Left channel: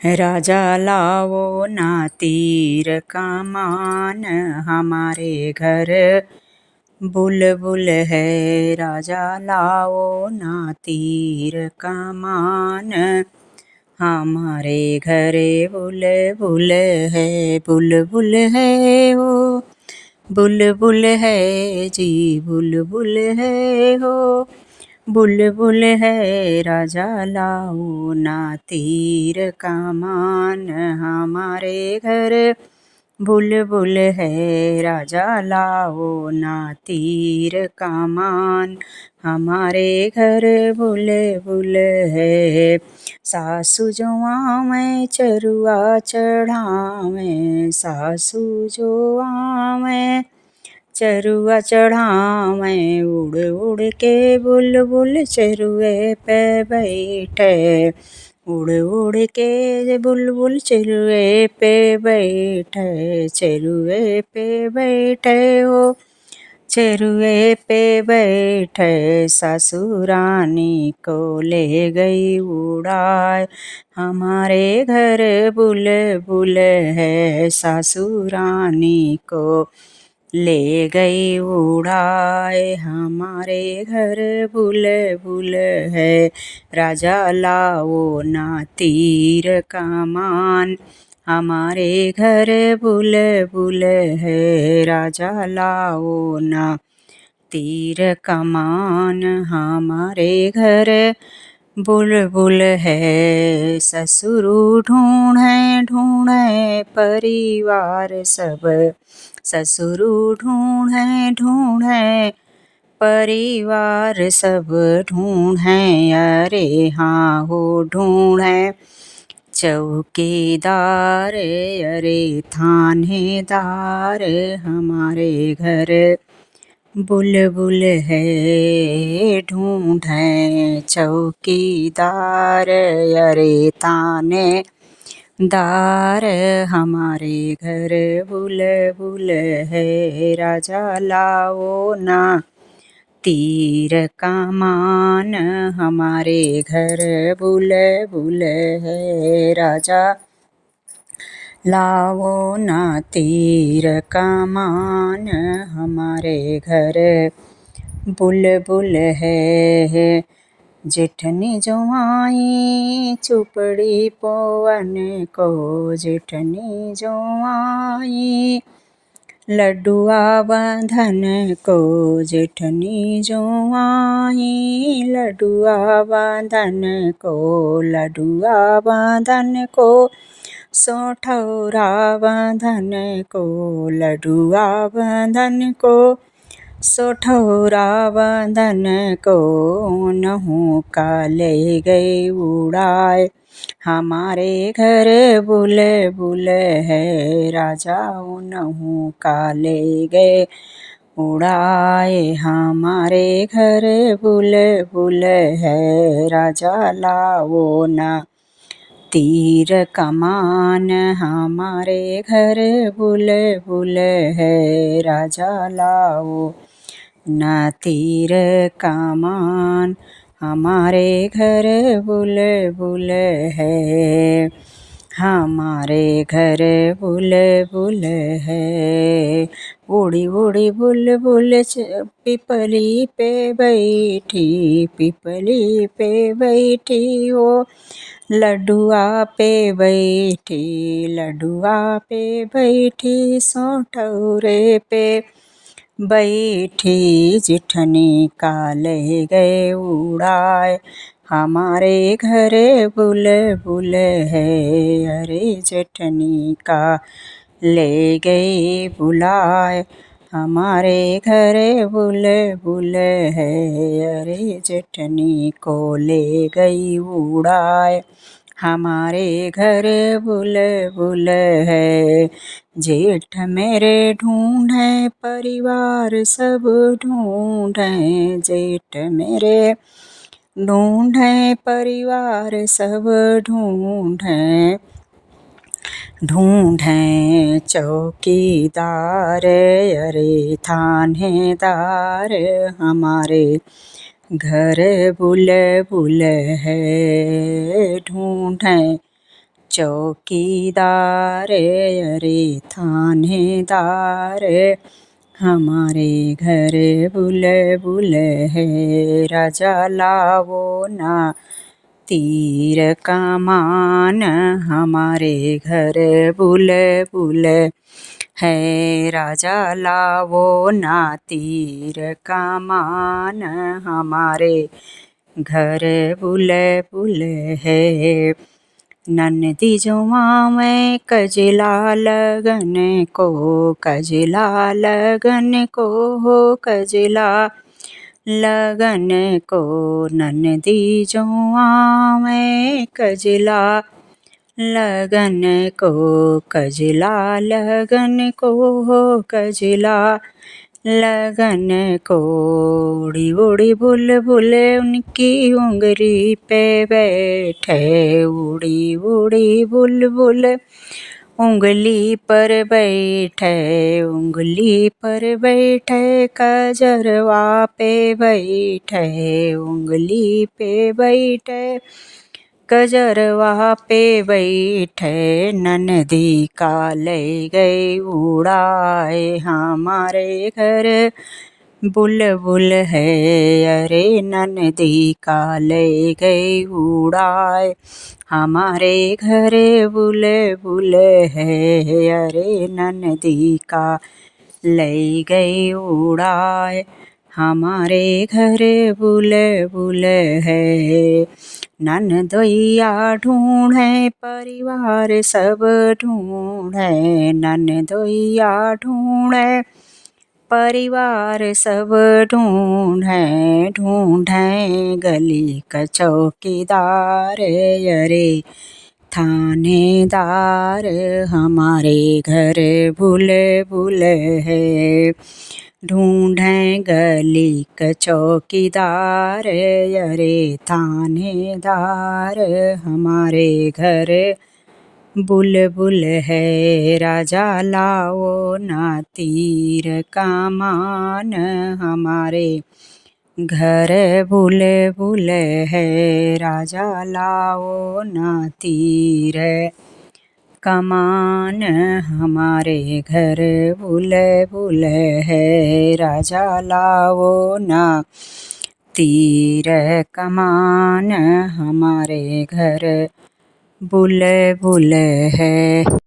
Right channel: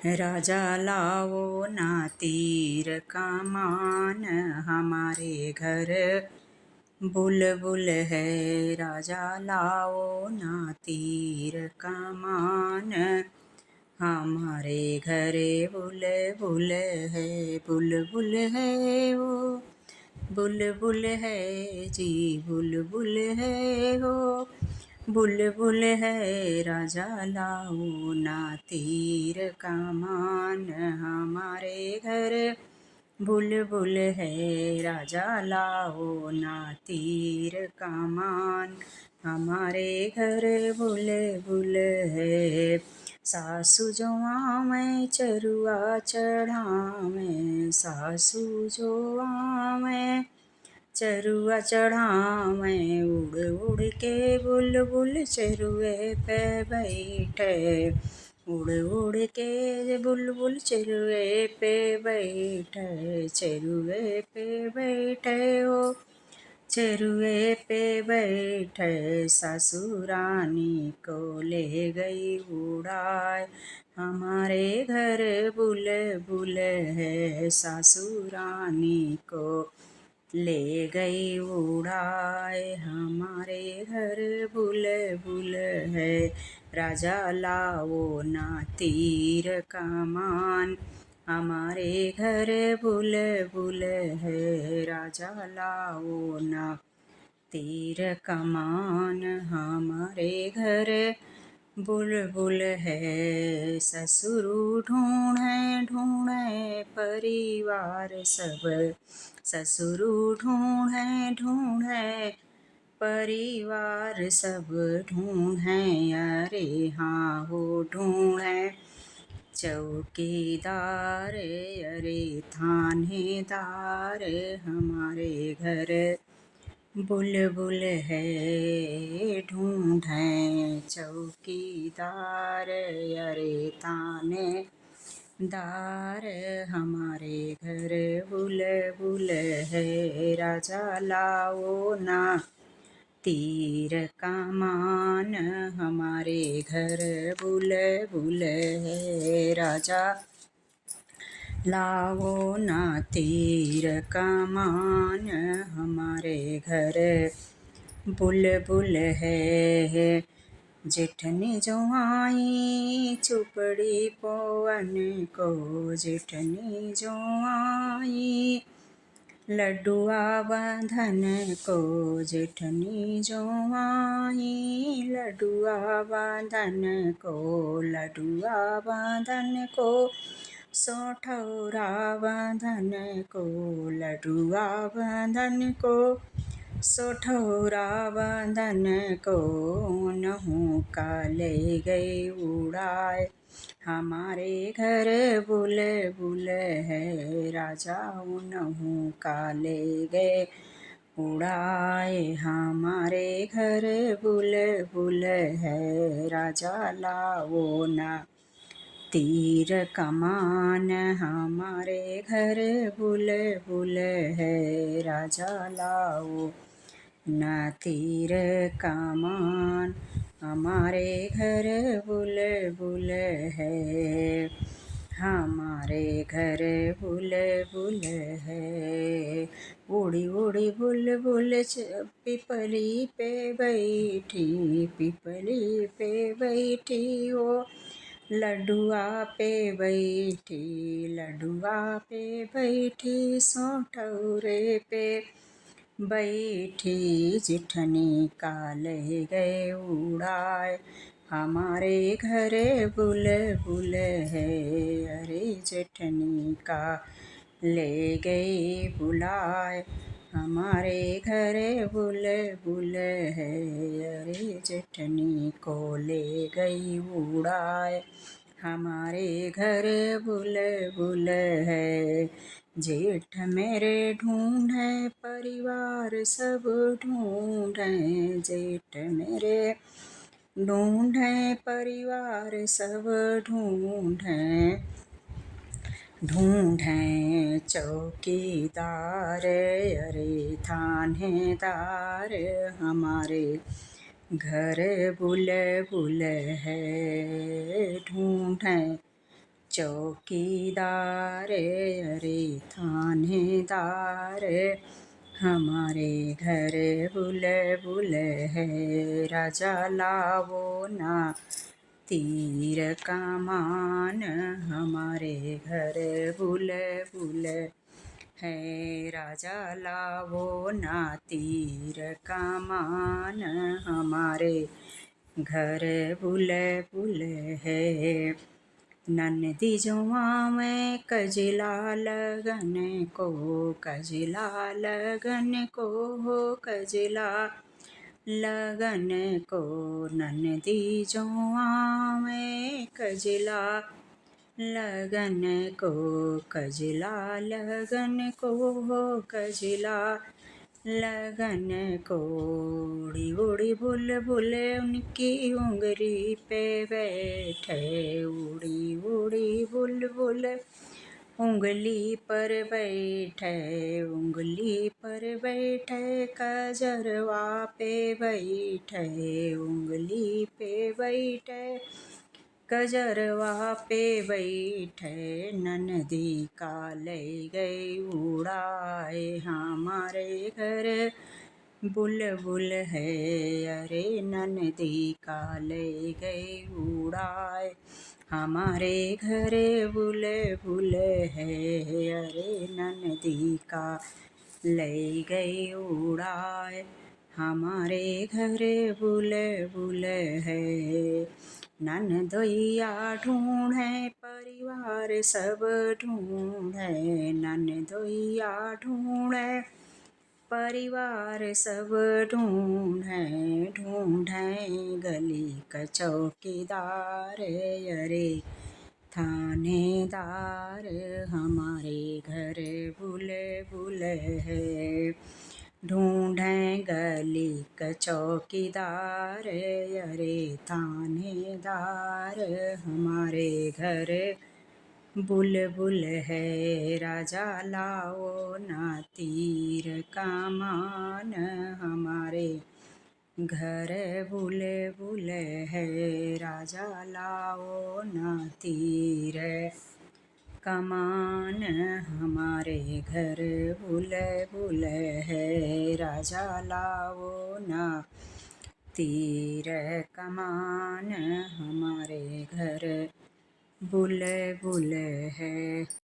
राजा लाओ ना तीर कमान, हमारे घर बुलबुल है। राजा लाओ ना तीर कमान, हमारे घरे बुलबुल है। बुलबुल है हो, बुलबुल है जी, बुलबुल है हो, बुलबुल है। राजा लाओ ना तीर कमान, हमारे घर बुलबुल है। राजा लाओ ना तीर कमान, हमारे घर बुलबुल है। सासु जो आवें चरुआ चढ़ावें, सासु जो आवें चरुआ चढ़ावें, उड़ उड़ के बुलबुल चरुए पे बैठे। उड़ उड़ के बुलबुल चरुए पे बैठे, चरुए पे बैठे हो, चरुए पे बैठे। ससुरानी को ले गई उड़ाए, हमारे घर बुलबुल है। ससुरानी को ले गई उड़ाए, हमारे घर बुलबुल है। राजा लाओ ना तीर कमान, हमारे घर बुलबुल है। राजा लाओ ना तीर कमान, हमारे घर बुलबुल है। ससुर ढूंढे ढूंढे परिवार सब, ससुर ढूंढे ढूंढे परिवार सब, ढूंढे अरे हाँ हो ढूंढे चौकीदार, अरे थानेदार, हमारे घर बुलबुल है। ढूंढे चौकीदार, अरे थानेदार, हमारे घर बुलबुल है। राजा लाओ ना तीर कमान, हमारे घर बुलबुल है। राजा लाओ ना तीर कमान, हमारे घर बुलबुल है। जेठनी जो आई चुपड़ी पवन को, जेठनी जो आई लड्डुआ बंधन को, जेठनी जो आई लड्डुआ बंधन को, लड्डुआ बंधन को, सोठौरा बंधन को, लड्डुआ बंधन को, सोठौरा बंधन को, नहु का ले गए उड़ाए, हमारे घर बुलबुल है। राजा नहु का ले गए उड़ाए, हमारे घर बुलबुल है। राजा लाओ ना तीर कमान, हमारे घर बुलबुल है। राजा लाओ ना तीर कमान, हमारे घर बुलबुल है। हमारे घर बुलबुल है। उड़ी उड़ी बुलबुल पिपली पे बैठी, पिपली पे बैठी हो, लड्डुआ पे बैठी, लड्डुआ पे बैठी, सोठौरे पे बैठी। जेठनी का ले गए उड़ाए, हमारे घर बुलबुल है। अरे जेठनी का ले गए बुलाए, हमारे घर बुलबुल है। अरे जेठनी को ले गई उड़ाए, हमारे घर बुलबुल है। जेठ मेरे ढूंढे परिवार सब ढूंढे, जेठ मेरे ढूंढे परिवार सब ढूंढे, ढूंढे चौकीदार, अरे थानेदार, हमारे घर बुलबुल है। ढूंढे चौकीदार अरे थानेदार हमारे घर बुलबुल है। राजा लावो ना तीर कमान हमारे घर बुलबुल है। राजा लावो ना तीर कमान हमारे घर बुलबुल है। ननदी जुआवे कजला लगन को, कजला लगन को हो कजला लगन को। ननदी जुआवे कजला लगन को, कजला लगन को हो कजला लगन को। उड़ी उड़ी बुलबुल उनकी उंगली पे बैठे, उड़ी उड़ी बुलबुल उंगली पर बैठे, उंगली पर बैठे कजरवा पे बैठे, उंगली पे बैठे कजरवा पे बैठे। ननदी का ले गए उड़ाए हमारे घर बुलबुल है। अरे ननदी का ले गए उड़ाए हमारे घर बुलबुल है। अरे ननदी का ले गए उड़ाए हमारे घर बुलबुल है। ननदोइया ढूँढे परिवार सब ढूँढे, ननदोइया ढूँढे परिवार सब ढूँढे, ढूँढे गली का चौकीदार अरे थानेदार हमारे घर बुलबुल है। ढूँढे गली का चौकीदार अरे थानेदार हमारे घर बुलबुल है। राजा लाओ ना तीर कमान हमारे घर बुलबुल है। राजा लाओ ना तीर कमान हमारे घर बुलबुल है। राजा लाओ ना तीर कमान हमारे घर बुलबुल है।